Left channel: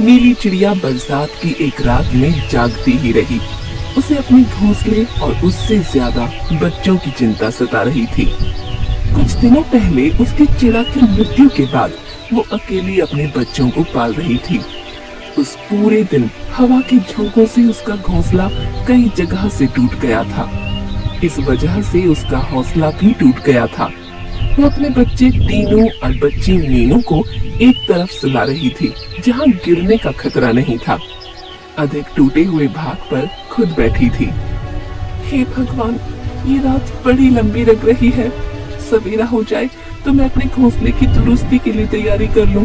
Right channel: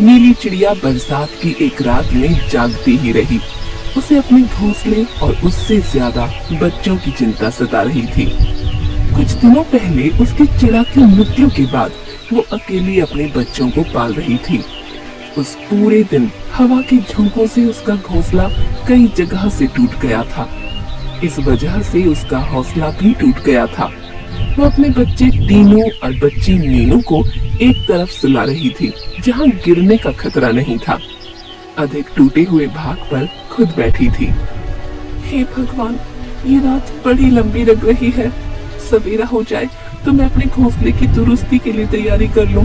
नीली चिड़िया बरसात की एक रात में जागती ही रही। उसे अपने घोंसले और उससे ज्यादा बच्चों की चिंता सता रही थी। कुछ दिनों पहले उसकी चिड़ा की मृत्यु के बाद वो अकेली अपने बच्चों को पाल रही थी। उस पूरे दिन हवा के झोंकों से उसका घोंसला कई जगह से टूट गया था। इस वजह से उसका हौसला भी टूट गया था। वो अपने बच्चे टीनू और बच्ची मीनू को एक तरफ सुला रही थी जहाँ गिरने का खतरा नहीं था। अधिक टूटे हुए भाग पर खुद बैठी थी। हे भगवान, ये रात बड़ी लंबी लग रही है। सवेरा हो जाए तो मैं अपने घोंसले की दुरुस्ती के लिए तैयारी कर लूं।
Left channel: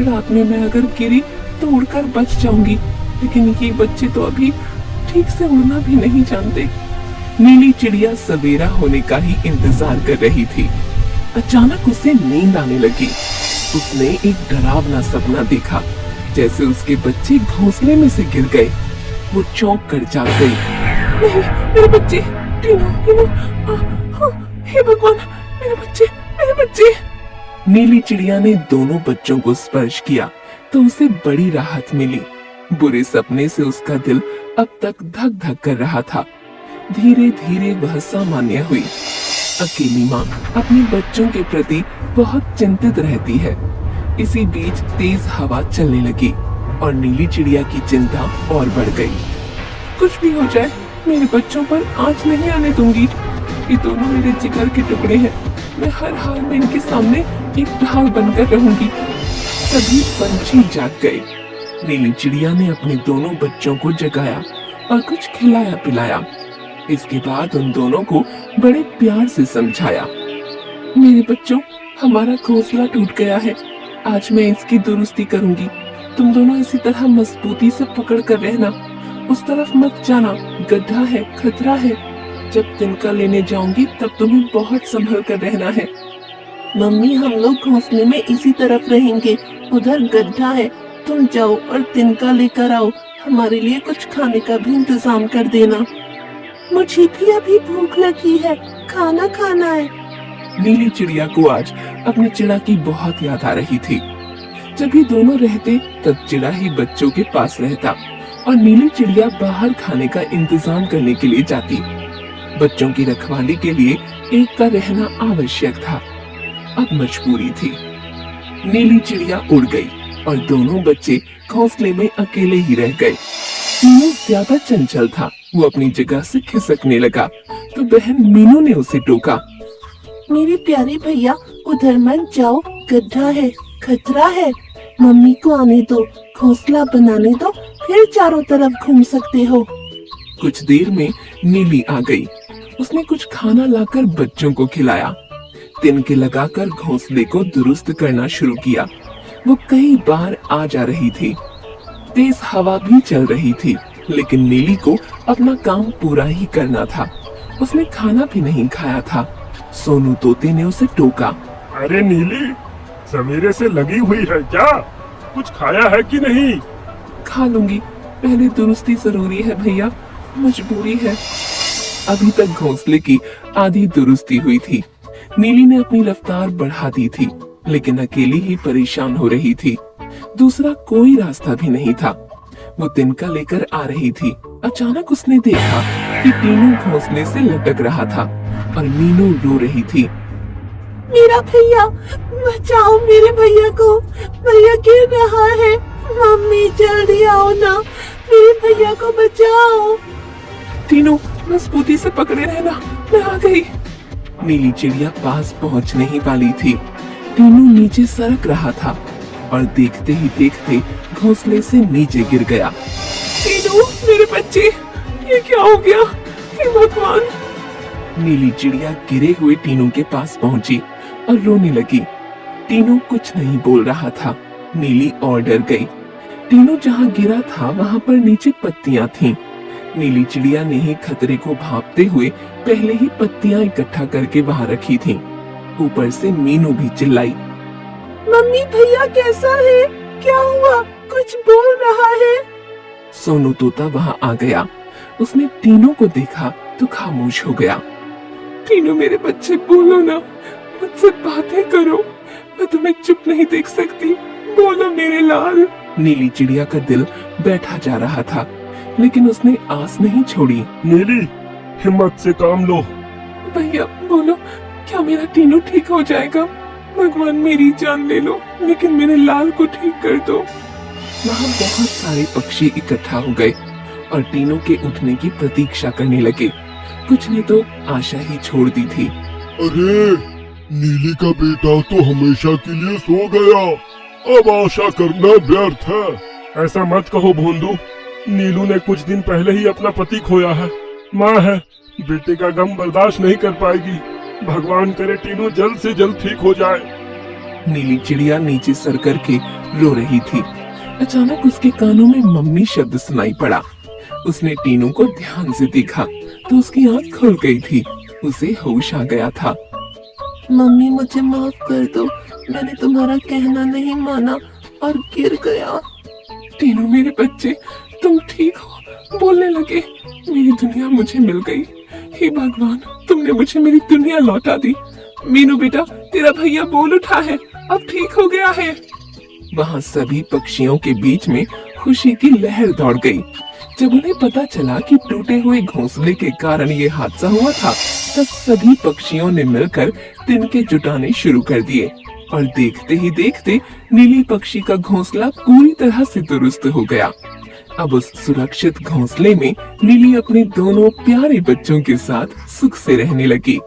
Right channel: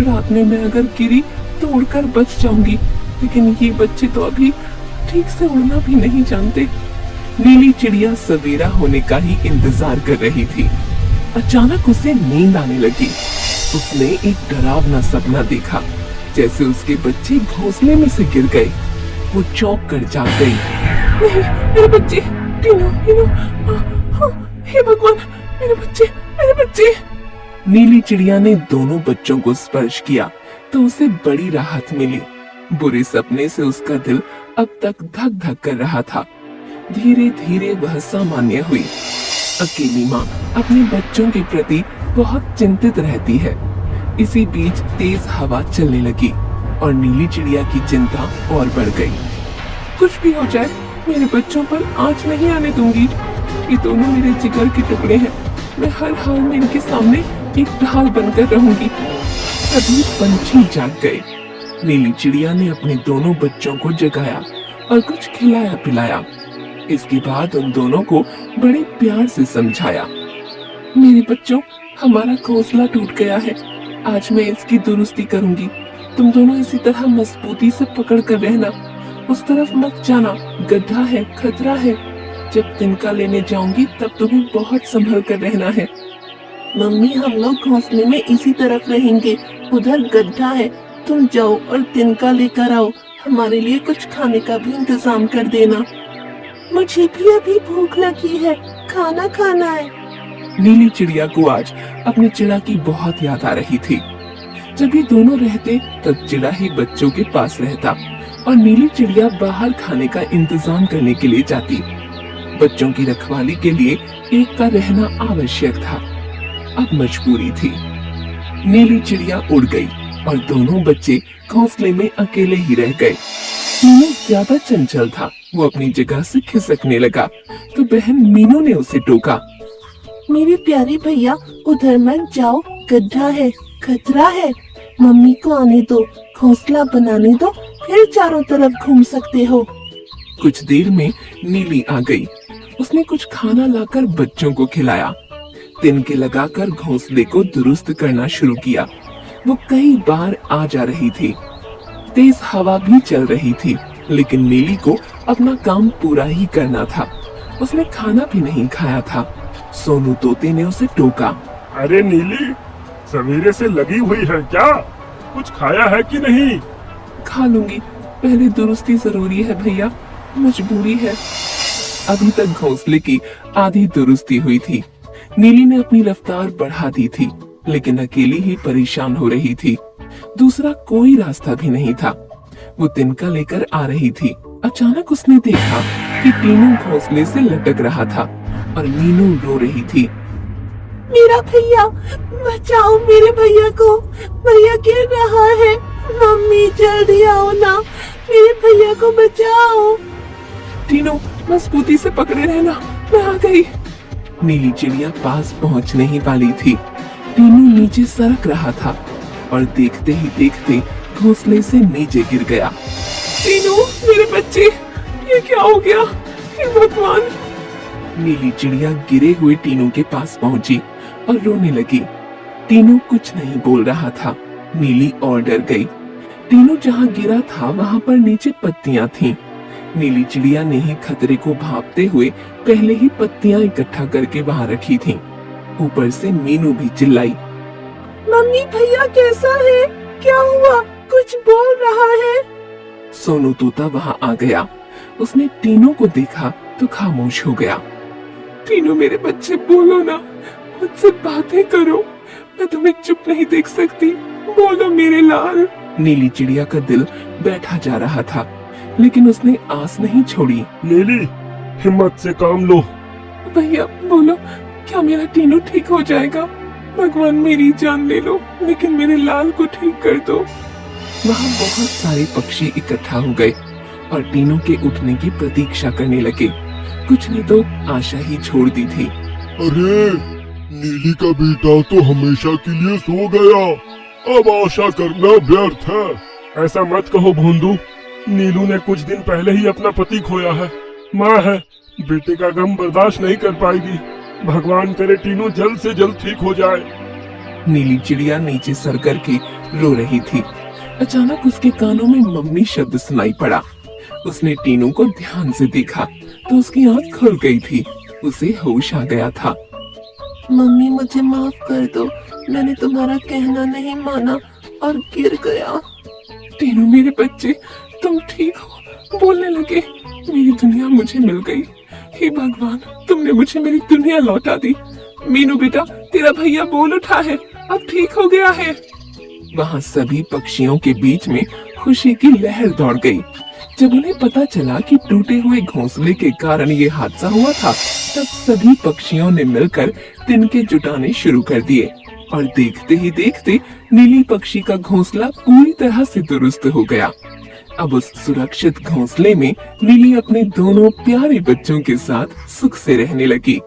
रात में मैं अगर गिरी तो उड़कर बच जाऊंगी, लेकिन ये बच्चे तो अभी ठीक से उड़ना भी नहीं जानते। नीली चिड़िया सवेरा होने का ही इंतजार कर रही थी। अचानक उसे नींद आने लगी। उसने एक डरावना सपना देखा, जैसे उसके बच्चे घोंसले में से गिर गए। वो चौंक कर जाग गई। मेरे बच्चे, टीनू, टीनू, हे भगवान, मेरे बच्चे, मेरे बच्चे। नीली चिड़िया ने दोनों बच्चों को स्पर्श किया तो उसे बड़ी राहत मिली। बुरे सपने से उसका दिल अब तक धक धक कर रहा था। धीरे धीरे वह सामान्य हुई। अकेली माँ अपने बच्चों के प्रति बहुत चिंतित रहती है। इसी बीच तेज हवा चलने लगी और नीली चिड़िया की चिंता और बढ़ गई। कुछ भी हो जाए, मेरे बच्चों पर आँच नहीं आने दूंगी। ये दोनों मेरे जिगर के टुकड़े हैं। मैं हर हाल में इनके सामने एक ढाल बनकर रहूंगी। सभी पंछी जाग गए। नीली चिड़िया ने अपने दोनों बच्चों को जगाया और कुछ खिलाया पिलाया। इसके बाद उन दोनों को बड़े प्यार से समझाया। मेरे बच्चों, हमारा घोंसला टूट गया है। आज मैं इसकी दुरुस्ती करूंगी। तुम दोनों इसी तरह मजबूती से पकड़ कर रहना। उस तरफ मत जाना, गड्ढा है, खतरा है। जब तिनका लेने जाऊंगी तब तुम्हें बहुत संभल कर रहना है। मम्मी, हम लोग घोंसले में इसी तरफ रहेंगे। उधर गड्ढा है, तुम जाओ और तिनका लेकर आओ। हमारे लिए कुछ खाने का भी इंतजाम कर देना। मुझे भी अभी भूख लगी है, खाना खाना है। नीली चिड़िया को आज अपनी चिड़ा की बहुत याद आ रही थी। जब ये दोनों रहते तब चिड़ा ही बच्चों के पास रहता और नीली चिड़िया बाहर खाने का इंतजाम करने के लिए जाती। बच्चों की रखवाली के लिए एक का रहना आवश्यक था। अब मजबूरी थी। नीली चिड़िया उड़ गई और दोनों बच्चे घोंसले में अकेले ही रह गए। टीनू ज्यादा चंचल था। वो अपनी जगह से खिसकने लगा तो बहन मीनू ने उसे टोका। मेरे प्यारे भैया, उधर मत जाओ, गड्ढा है, खतरा है। मम्मी को आने दो, घोंसला बनाने दो, फिर चारों तरफ घूम सकते हो। कुछ देर में नीली आ गई। उसने कुछ खाना लाकर बच्चों को खिलाया। तिनके लगाकर घोंसले को दुरुस्त करना शुरू किया। वो कई बार आ जा रही थी। तेज हवा भी चल रही थी, लेकिन नीली को अपना काम पूरा ही करना था। उसने खाना भी नहीं खाया था। सोनू तोते ने उसे टोका। अरे नीली, सवेरे से लगी हुई है क्या? कुछ खाया है कि नहीं? खा लूंगी, पहले दुरुस्ती जरूरी है भैया, मजबूरी है। अभी तक घोंसले की आधी दुरुस्ती हुई थी। नीली ने अपनी रफ्तार बढ़ा दी थी, लेकिन अकेली ही परेशान हो रही थी। दूसरा कोई रास्ता भी नहीं था। वो तिनका लेकर आ रही थी। अचानक उसने देखा कि टीनू घोंसले से लटक रहा था और मीनू रो रही थी। मेरा भैया, बचाओ मेरे भैया को, भैया गिर रहा है। मम्मी जल्दी आओ ना, मेरे भैया को बचाओ। टीनू, मजबूती से पकड़े रहना, मैं आ गई। नीली चिड़िया पास पहुंचने ही वाली थी। टीनू नीचे सरक रहा था और देखते ही देखते घोंसले से नीचे गिर गया। टीनू, मेरे बच्चे, ये क्या हो गया? हे भगवान! नीली चिड़िया गिरे हुए टीनू के पास पहुंची और रोने लगी। टीनू कुछ नहीं बोल रहा था। नीली और डर गई। टीनू जहाँ गिरा था वहाँ पर नीचे पत्तियां थीं। नीली चिड़िया ने ही खतरे को भांपते हुए पहले ही पत्तियां इकट्ठा करके वहाँ रखी थीं। ऊपर से मीनू भी चिल्लाई। मम्मी, भैया कैसा है? क्या हुआ? कुछ बोल रहा है। सोनू तोता वहाँ आ गया। उसने टीनू को देखा तो खामोश हो गया। टीनू, मेरे बच्चे, बोलो ना, मुझसे बातें करो। मैं तुम्हें चुप नहीं देख सकती। बोलो मेरे लाल। नीली चिड़िया का दिल बैठा जा रहा था, लेकिन उसने आस नहीं छोड़ी। नीली, हिम्मत से काम लो। भैया बोलो, क्या मेरा टीनू ठीक हो जाएगा? भगवान मेरी जान ले लो, लेकिन मेरे लाल को ठीक कर दो। वहाँ बहुत सारे पक्षी इकट्ठा हो गए और टीनू के उठने की प्रतीक्षा करने लगे। कुछ ने तो आशा ही छोड़ दी थी। अरे, नीली का बेटा तो हमेशा के लिए सो गया, अब आशा करना व्यर्थ है। ऐसा मत कहो भोंदू, नीलू ने कुछ दिन पहले ही अपना पति खोया है। माँ है, बेटे का गम बर्दाश्त नहीं कर पाएगी। भगवान करे टीनू जल्द से जल्द ठीक हो जाए। नीली चिड़िया नीचे सर करके रो रही थी। अचानक उसके कानों में मम्मी शब्द सुनाई पड़ा। उसने टीनू को ध्यान से देखा तो उसकी आंख खुल गई थी। उसे होश आ गया था। मम्मी मुझे माफ कर दो, मैंने तुम्हारा कहना नहीं माना और गिर गया। टीनू मेरे बच्चे, तुम ठीक हो? बोलने लगे। मेरी दुनिया मुझे मिल गई। हे भगवान, तुमने मुझे मेरी दुनिया लौटा दी। मीनू बेटा, तेरा भैया बोल उठा है, अब ठीक हो गया है। वहाँ सभी पक्षियों के बीच में खुशी की लहर दौड़ गई। जब उन्हें पता चला कि टूटे हुए घोंसले के कारण ये हादसा हुआ था, तब सभी पक्षियों ने मिलकर तिनके जुटाने शुरू कर दिए और देखते ही देखते नीली पक्षी का घोंसला पूरी तरह से दुरुस्त हो गया। अब उस सुरक्षित घोंसले में नीली अपने दोनों प्यारे बच्चों के साथ सुख से रहने लगी।